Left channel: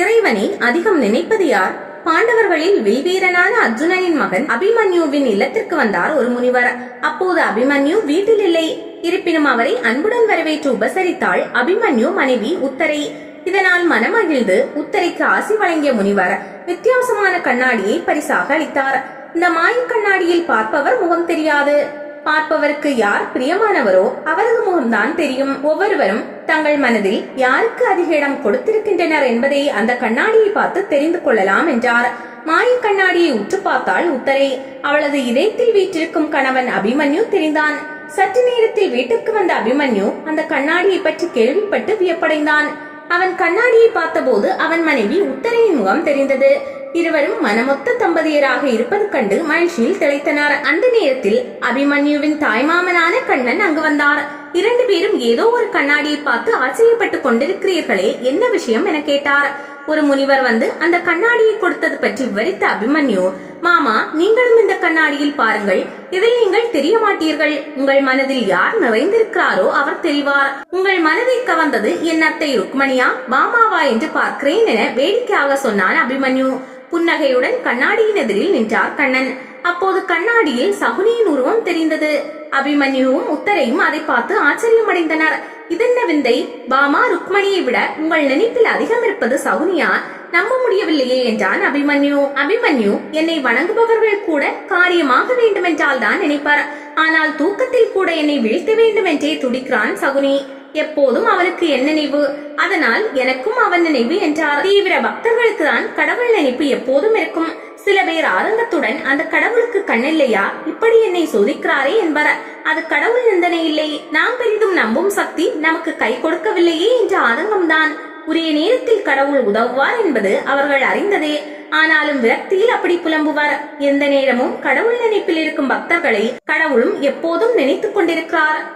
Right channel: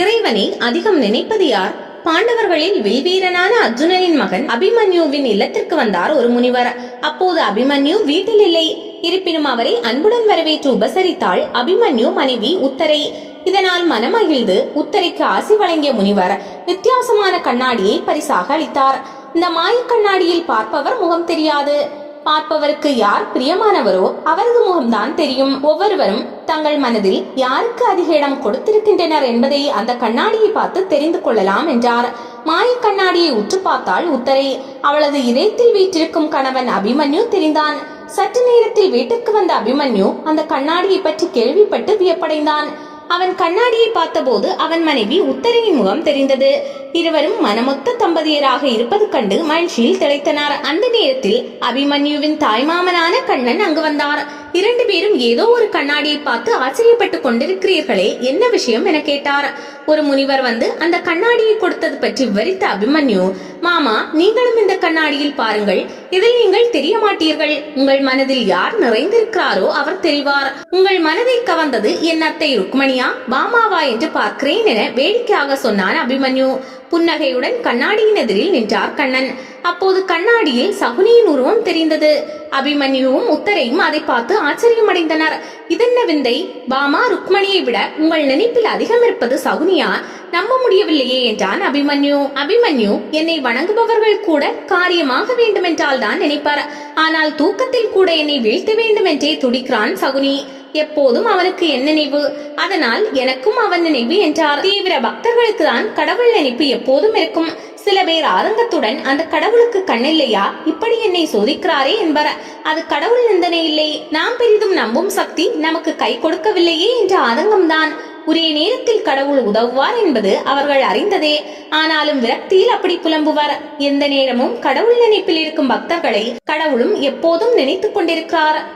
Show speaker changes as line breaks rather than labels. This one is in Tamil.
இறைவனை அதிகம் நினைப்பது யார்? பாண்டவர்களில் வில்வீரனான அர்ஜுனனின் மகன் அபிமன்யுவின் இல்லத்திற்கு வந்தார் ஒரு முனிவர். அப்போது அபிமன்யு வீட்டில் இல்லை. இருப்பினும் அவரை அன்புடன் வரவேற்று உபசரித்தாள் அபிமன்யு மனைவி உத்தரை. இதனால் மனமகிழ்ந்து உத்தரைக்கு ஆசி வழங்கிய முனிவர் வித்தியாசமான கண்ணாடியை பரிசாக அளித்தார். இந்த மாய கண்ணாடியில் பார்ப்பவர் முகம் தெரியாது. பார்ப்பவருக்கு யார் பிரியமானவரோ அவரது முகம்தான் தெரியும். ஒவ்வொருவரும் தங்கள் மனதில் யாருக்கு அதிக இடம் கொடுத்திருக்கின்றனர் என்பதை அந்த கண்ணாடியை பார்த்து தெரிந்து கொள்ளலாம் என்றார். மாயக் கண்ணாடியை உற்று பார்த்தாள் உத்தரை. அவளது இதயத்தில் வீற்றிருக்கும் கணவன் அபிமன்யு தெரிந்தான். சற்று நேரத்தில் வீட்டுக்கு வந்த அபிமன்யு அந்த கண்ணாடியை பற்றி கேள்விப்பட்டு வியப்படைந்தான். அவன் கண்ணாடியை பார்த்தபோது அவன் மனைவி உத்தரையின் முகம் தெரிந்தது. இருவரும் மனமொத்த தம்பதியராக இருப்பது கண்டு மகிழ்ச்சியில் திளைத்தனர். அந்த நேரத்தில் அபிமன்யுவின் தாய்மாமனான கண்ணன் அங்கு வந்தார். இரண்டு பேரும் ஏதோ ஒரு கண்ணாடியை பார்த்து ஆச்சரியப்பட்டு கொண்டிருக்கிறீர்களே என்ன விஷயம் என கேட்டார். ஒரு முனிவர் வந்து அந்த கண்ணாடியை கொடுத்தது பற்றி விவரித்த அபிமன்யு மாமா நீங்களும் இந்த கண்ணாடியில் பாருங்கள். இதில் நீங்கள் தெரிய மாட்டீர்கள் உங்கள் மனதில் யார் நிறைந்திருக்கிறாரோ அவர் தெரிவார். உங்கள் மனதை கவர்ந்தது என் அத்தை ருக்மணியா? பாமாவா என்று பார்க்கிறேன் என வேடிக்கையாக சொன்னான் அபிமன்யு. புன்னகையுடன் கண்ணாடியின் எதிரில் நின்றார் கண்ணன். அப்போது கண்ணாடியில் சகுனியின் உருவம் தெரிந்தது. அபிமன்யுவும் உத்தரையும் அதை பார்த்து ஆச்சரியமடைந்தனர். இதென்ன விந்தை? பாமா ருக்மணியை விட உங்கள் நினைப்பில் அதிகம் இருப்பது சகுனியா? நம்ப முடியவில்லையே என்றான் அபிமன்யு. அபிமன்யு என்னை வணங்குபவர்கள் கூட காரியமாக வேண்டுமென்றால் தான் நினைப்பார். ஆனால் தூக்கத்தில் கூட என்னை வீழ்த்த வேண்டும் என்றே துடிக்கிறான் சகுனி. எப்போதும் அவனுக்கு என் நினைவு. அதனால் எனக்கும் அவன் நினைவு என்றார். தீவிர பக்தர்களுக்கு தான் கடவுள் நினைப்பு எப்போதும் இருக்கும். சில பேர் ஆதங்கத்துடன் அந்த கடவுளுக்கு கண்ணில்லையா? இப்படி என்னை சோதிக்கிறாரே என்பர். அது கடவுள் நிந்தனை இல்லை. நாம் பெரிதும் நம்பும் சக்தி நமக்கு கை கொடுக்கவில்லையே என்ற ஆதங்கம்தான். உரிய நேரத்தில் கடவுள் உதவுவார் என்பது அவர்கள் அறிந்ததே. ஆனாலும் விரக்தியில் அப்படி புலம்புவார். எந்த நேரமும் கடவுள் நினைப்பில் இருக்கும் பக்தர்களை கடவுளும் எப்போதும் நினைத்துக் கொண்டிருக்கிறார்.